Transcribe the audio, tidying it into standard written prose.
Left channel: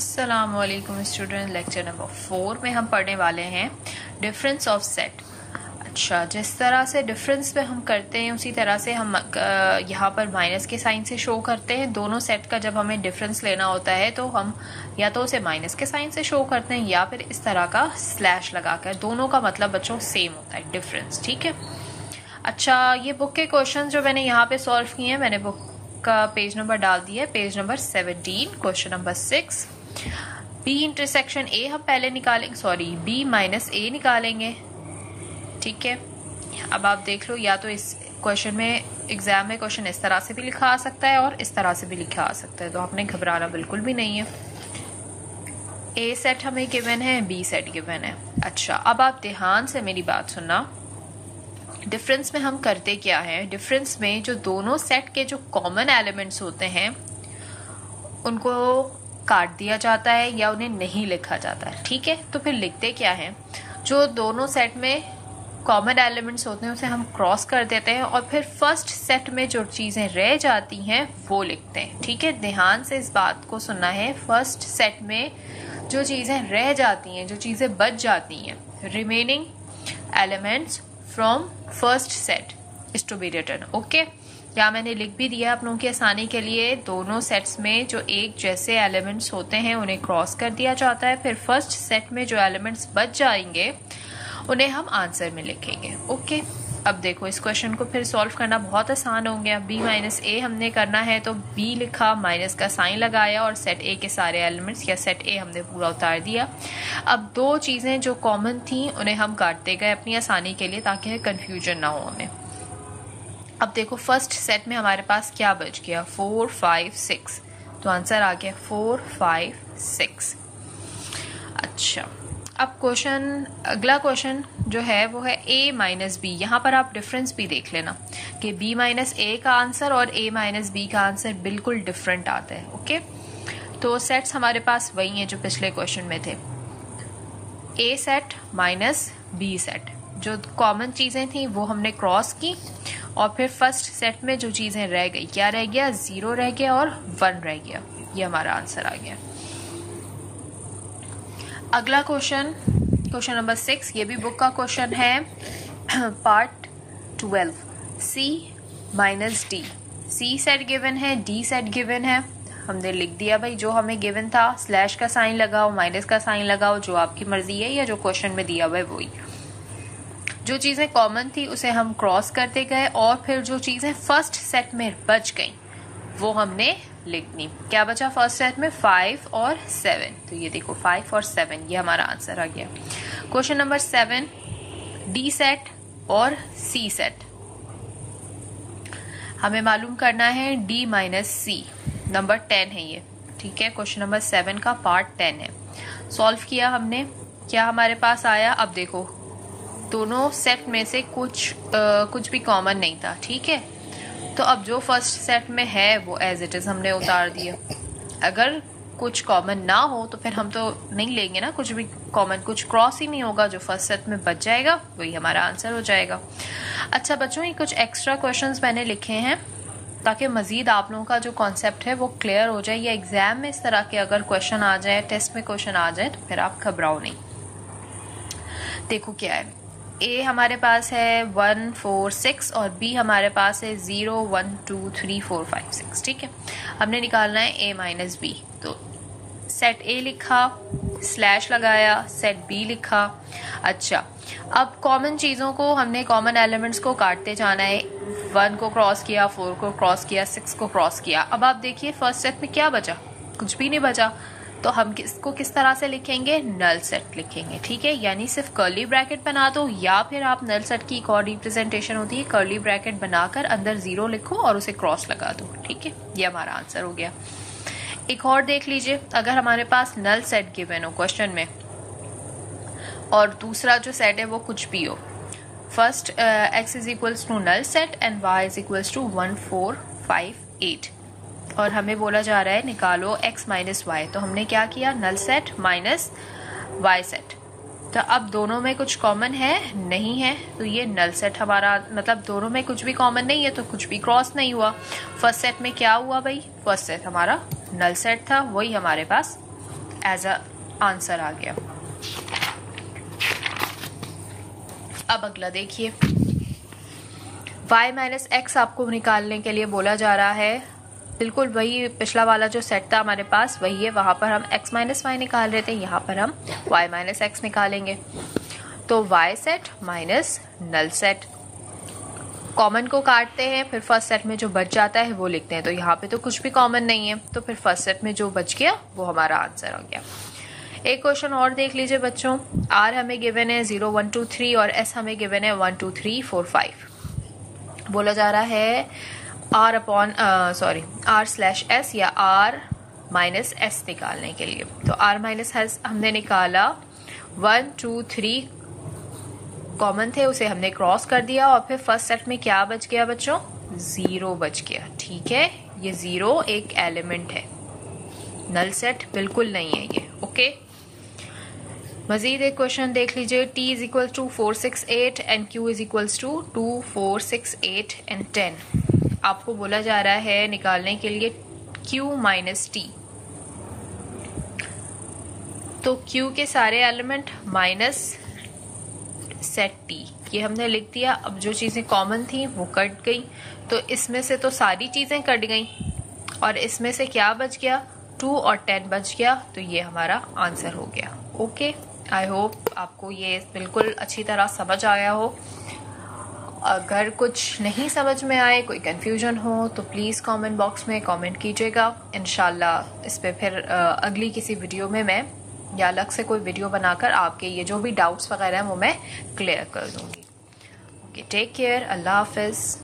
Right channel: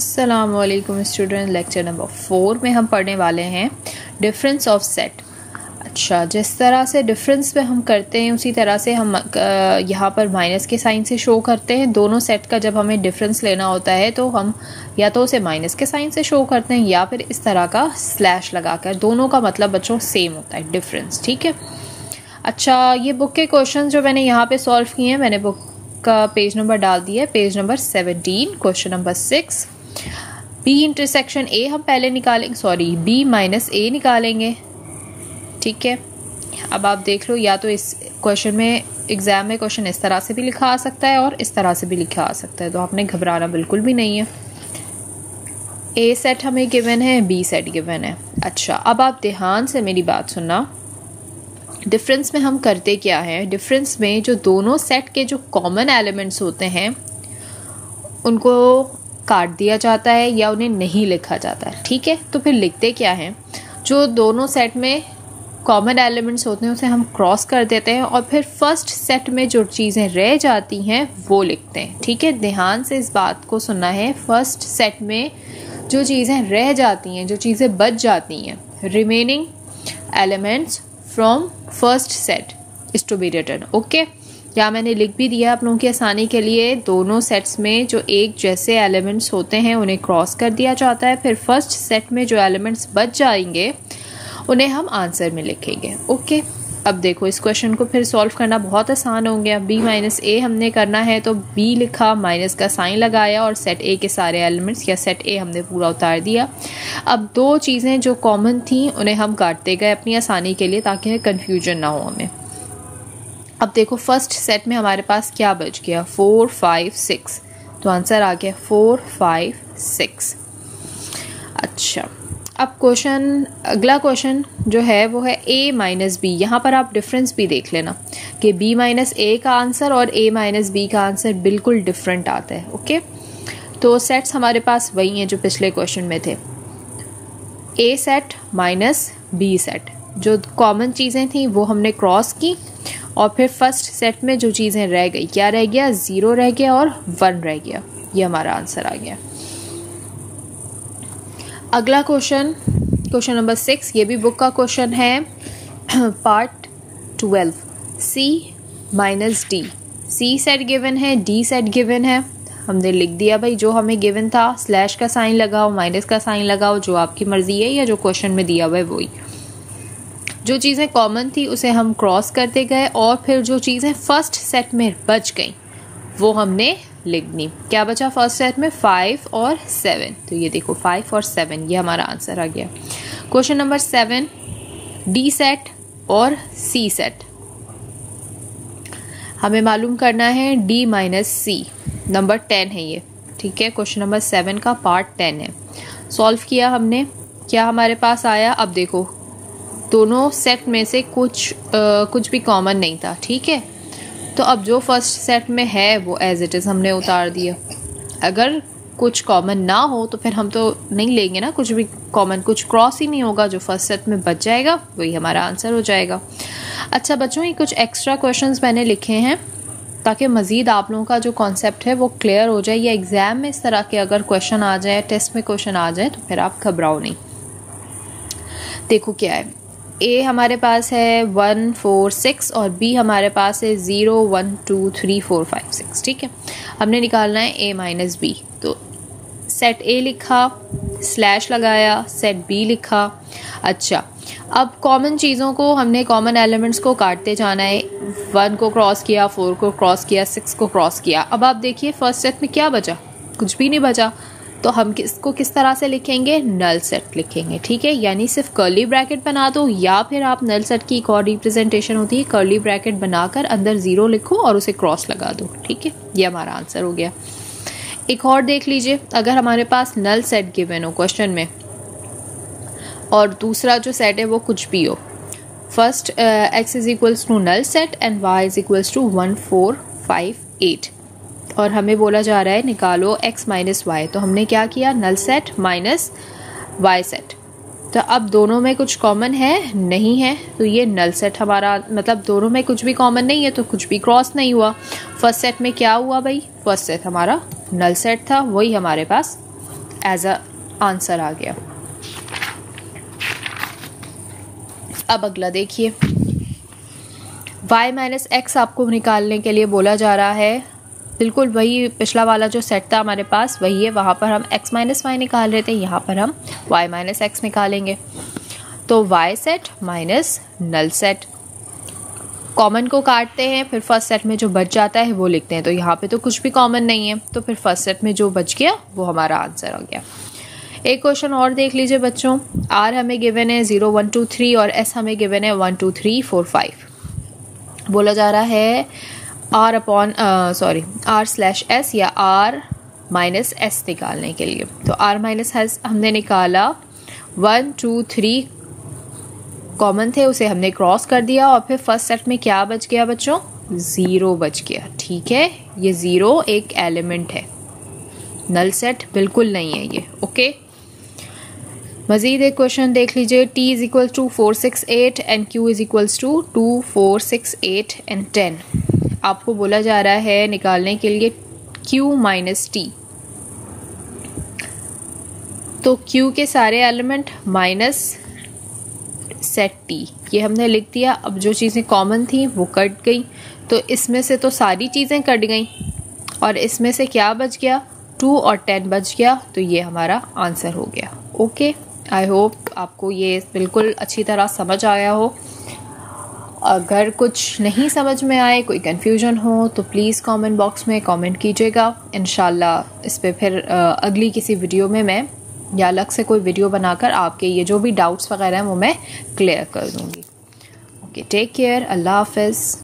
अस्सलामुअलैकुम student, lecture number 4 में हम पढ़ने वाले हैं डिफरेंस ऑफ सेट। अच्छा, जिस तरह से डिफरेंस पे हम करते हैं उसी तरह से हम यहाँ पर माइनस के साइन से शो करते हैं। दोनों सेट का जब हमें डिफरेंस लेना होता है तो हम या तो उसे माइनस के साइन से शो करते हैं या फिर इस तरह का स्लैश लगाकर। दोनों का मतलब बच्चों सेम होता है, डिफरेंस। ठीक है। अच्छा, ये बुक के क्वेश्चन जो मैंने यहाँ पे सॉल्व किए हैं, मैंने बुक का पेज नंबर डाल दिया है, page number 17, question number 6। B intersection A हम पहले निकालेंगे, सॉरी बी माइनस ए निकालेंगे। ठीक है। अब आप देख लो, या तो इस क्वेश्चन में एग्जाम में क्वेश्चन इस तरह से भी लिखा आ सकता है और इस तरह से भी लिखा आ सकता है, तो आपने घबराना बिल्कुल भी नहीं है। ए सेट हमें गिवन है, बी सेट गिवन है। अच्छा, अब आप ध्यान से मेरी बात सुनना। डिफरेंस में हम करते क्या है, डिफरेंस में जो दोनों सेट के जो कॉमन एलिमेंट्स होते हैं उनको काट दिया जाता है या उन्हें नहीं लिखा जाता है। ठीक है। तो फिर लिखते क्या है, जो दोनों सेट में कॉमन एलिमेंट्स होते हैं उसे हम क्रॉस कर देते हैं और फिर फर्स्ट सेट में जो चीज़ें रह जाती हैं वो लिखते हैं। ठीक है, ध्यान से इस बात को सुनना है। फर्स्ट सेट में जो चीज़ें रह जाती हैं, जो चीज़ें बच जाती हैं, remaining elements from first set is to be written. Okay, या मैंने लिख भी दिया आप लोगों की आसानी के लिए। दोनों सेट्स में जो एक जैसे एलिमेंट्स होते हैं उन्हें क्रॉस कर दिया जाता है, फिर फर्स्ट सेट में जो एलिमेंट्स बच जाएंगे उन्हें हम आंसर में लिखेंगे। ओके, अब देखो इस क्वेश्चन को फिर सॉल्व करना बहुत आसान हो गया। बी माइनस ए हमने करना है तो बी लिखा, माइनस का साइन लगाया और सेट ए के सारे एलिमेंट्स या सेट ए हमने पूरा उतार दिया। अब दो चीज़ें जो कॉमन थी उन्हें हम काटते गए अपनी आसानी के लिए, ताकि कन्फ्यूजन ना हो हमें। अब देखो फर्स्ट सेट में हमारे पास क्या बच गया, 4 5 6, तो आंसर आ गया 4 5 6। अच्छा, अब क्वेश्चन, अगला क्वेश्चन जो है वो है a माइनस बी। यहाँ पर आप डिफरेंस भी देख लेना कि b माइनस ए का आंसर और a माइनस बी का आंसर बिल्कुल डिफरेंट आता है। ओके, तो सेट्स हमारे पास वही हैं जो पिछले क्वेश्चन में थे, a set minus b set. जो कॉमन चीज़ें थी वो हमने क्रॉस की और फिर फर्स्ट सेट में जो चीज़ें रह गई, क्या रह गया, 0 रह गया और 1 रह गया। ये हमारा आंसर आ गया। अगला क्वेश्चन, क्वेश्चन नंबर 6, ये भी बुक का क्वेश्चन है, पार्ट 12, सी माइनस डी। सी सेट गिवन है, डी सेट गिवन है, हमने लिख दिया भाई जो हमें गिवन था। स्लैश का साइन लगाओ, माइनस का साइन लगाओ, जो आपकी मर्जी है या जो क्वेश्चन में दिया हुआ है वही। जो चीज़ें कॉमन थी उसे हम क्रॉस करते गए और फिर जो चीज़ें फर्स्ट सेट में बच गई वो हमने लिख दी। क्या बचा फर्स्ट सेट में, 5 और 7, तो ये देखो 5 और 7, ये हमारा आंसर आ गया। क्वेश्चन नंबर 7, डी सेट और सी सेट हमें मालूम करना है। डी माइनस सी, नंबर 10 है ये। ठीक है, क्वेश्चन नंबर 7 का पार्ट 10 है। सॉल्व किया हमने, क्या हमारे पास आया, अब देखो दोनों सेट में से कुछ भी कॉमन नहीं था। ठीक है, तो अब जो फर्स्ट सेट में है वो एज इट इज हमने उतार दिया। अगर कुछ कॉमन ना हो तो फिर हम तो नहीं लेंगे ना कुछ भी कॉमन, कुछ क्रॉस ही नहीं होगा, जो फर्स्ट सेट में बच जाएगा वही हमारा आंसर हो जाएगा। अच्छा बच्चों, ये कुछ एक्स्ट्रा क्वेश्चंस मैंने लिखे हैं ताकि मजीद आप लोगों का जो कॉन्सेप्ट है वो क्लियर हो जाए, या एग्जाम में इस तरह के अगर क्वेश्चन आ जाए, टेस्ट में क्वेश्चन आ जाए तो फिर आप घबराओ नहीं। देखो क्या है, ए हमारे पास है 1 4 6 और बी हमारे पास है 0 1 2 3 4 5 6। ठीक है, हमने निकालना है ए माइनस बी, तो सेट ए लिखा, स्लैश लगाया, सेट बी लिखा। अच्छा, अब कॉमन चीज़ों को हमने, कॉमन एलिमेंट्स को काटते जाना है। 1 को क्रॉस किया, 4 को क्रॉस किया, 6 को क्रॉस किया। अब आप देखिए फर्स्ट सेट में क्या बचा, कुछ भी नहीं बचा, तो हम इसको किस तरह से लिखेंगे, नल सेट लिखेंगे। ठीक है, यानी सिर्फ कर्ली ब्रैकेट बना दो, या फिर आप नल सेट की एक और रिप्रेजेंटेशन होती है, कर्ली ब्रैकेट बनाकर अंदर 0 लिखो और उसे क्रॉस लगा दो। ठीक है, ये हमारा आंसर हो गया। एक और देख लीजिए, अगर हमारे पास नल सेट गिवन हो क्वेश्चन में और दूसरा जो सेट है वो कुछ भी हो, first x is equals to null set and y is equals to 1 4 5 8, और हमें बोला जा रहा है निकालो x माइनस वाई, तो हमने क्या किया, null set minus Y set. तो अब दोनों में कुछ कॉमन है, नहीं है, तो ये नल सेट हमारा, मतलब दोनों में कुछ भी कॉमन नहीं है तो कुछ भी क्रॉस नहीं हुआ। फर्स्ट सेट में क्या हुआ भाई, फर्स्ट सेट हमारा नल सेट था, वही हमारे पास एज अ आंसर आ गया। अब अगला देखिए, y माइनस एक्स आपको निकालने के लिए बोला जा रहा है। बिल्कुल वही पिछला वाला जो सेट था हमारे पास वही है, वहां पर हम x माइनस वाई निकाल रहे थे, यहाँ पर हम y माइनस एक्स निकालेंगे। तो y set minus null set, common को काटते हैं, फिर फर्स्ट सेट में जो बच जाता है वो लिखते हैं। तो यहाँ पे तो कुछ भी कॉमन नहीं है, तो फिर फर्स्ट सेट में जो बच गया वो हमारा आंसर आ गया। एक क्वेश्चन और देख लीजिए बच्चों, r हमें गिवन है 0 1 2 3 और s हमें गिवन है 1 2 3 4 5। बोला जा रहा है r स्लैश s या r माइनस s निकालने के लिए। तो r माइनस s हमने निकाला, 1 2 3 कॉमन थे उसे हमने क्रॉस कर दिया और फिर फर्स्ट सेट में क्या बच गया बच्चों, 0 बच गया। ठीक है, ये 0 एक एलिमेंट है, नल सेट बिल्कुल नहीं है ये। ओके, मजीद एक क्वेश्चन देख लीजिए, t is equal to 4 6 8 and q is equals to 2 4 6 8 and 10। आपको बोला जा रहा है निकालने के लिए q माइनस t। तो q के सारे एलिमेंट माइनस सेट t, ये हमने लिख दिया। अब जो चीज़ें कॉमन थी वो कट गई, तो इसमें से तो सारी चीज़ें कट गई और इसमें से क्या बच गया, 2 और 10 बच गया। तो ये हमारा आंसर हो गया। ओके, आई होप आपको ये बिल्कुल अच्छी तरह समझ आया हो। अगर कुछ नहीं समझ में आए, कोई कंफ्यूजन हो तो प्लीज़ कमेंट बॉक्स में कमेंट कीजिएगा। इंशाल्लाह इस पे फिर अगली किसी वीडियो में मैं या अलग से कोई वीडियो बनाकर आपके ये जो भी डाउट्स वगैरह हैं वो मैं क्लियर कर दूंगी। ओके, टेक केयर, अल्लाह हाफिज़।